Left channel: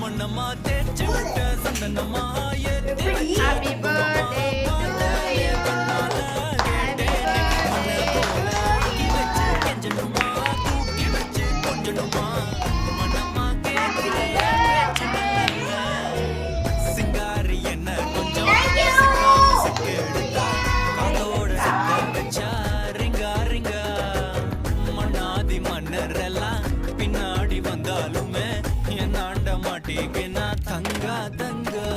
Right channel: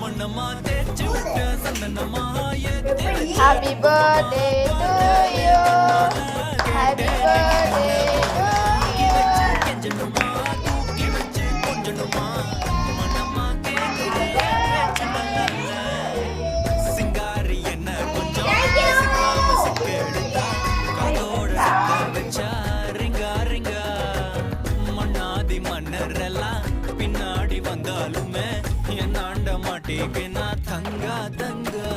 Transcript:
மண்ணமா தேச்சு விட்ட சந்தனமா ஏத்தி வச்ச Happy birthday to you. Happy birthday to you. வச்சு கெஞ்சணுமா தூக்கி வச்சு கொஞ்சணுமா மனமா கேக்குறிய பேச்சு நல்ல சிங்காரி என்ன கொஞ்சம் சிக்காம சிக்க எடுத்தா காதோட சுத்த வச்சா ரிங்கா ரிங்கா மண்ணாதி மன்னரெல்லாம் பின்னாடி வந்தாலுமே என் ஆண்ட மாட்டேங்க நான் தங்கா தங்கா